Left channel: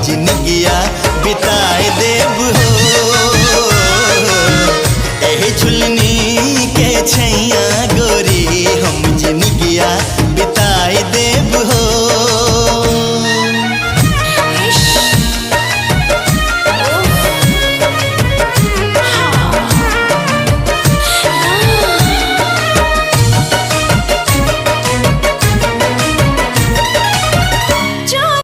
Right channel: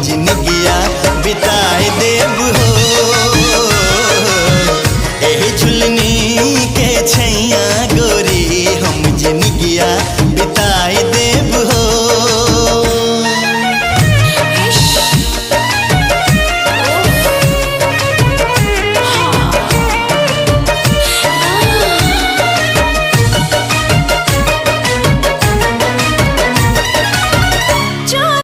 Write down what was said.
जिनगिया बिताए देव हो। एही झुलनी के छैया गोरी हम जिनगिया बिताए देव हो।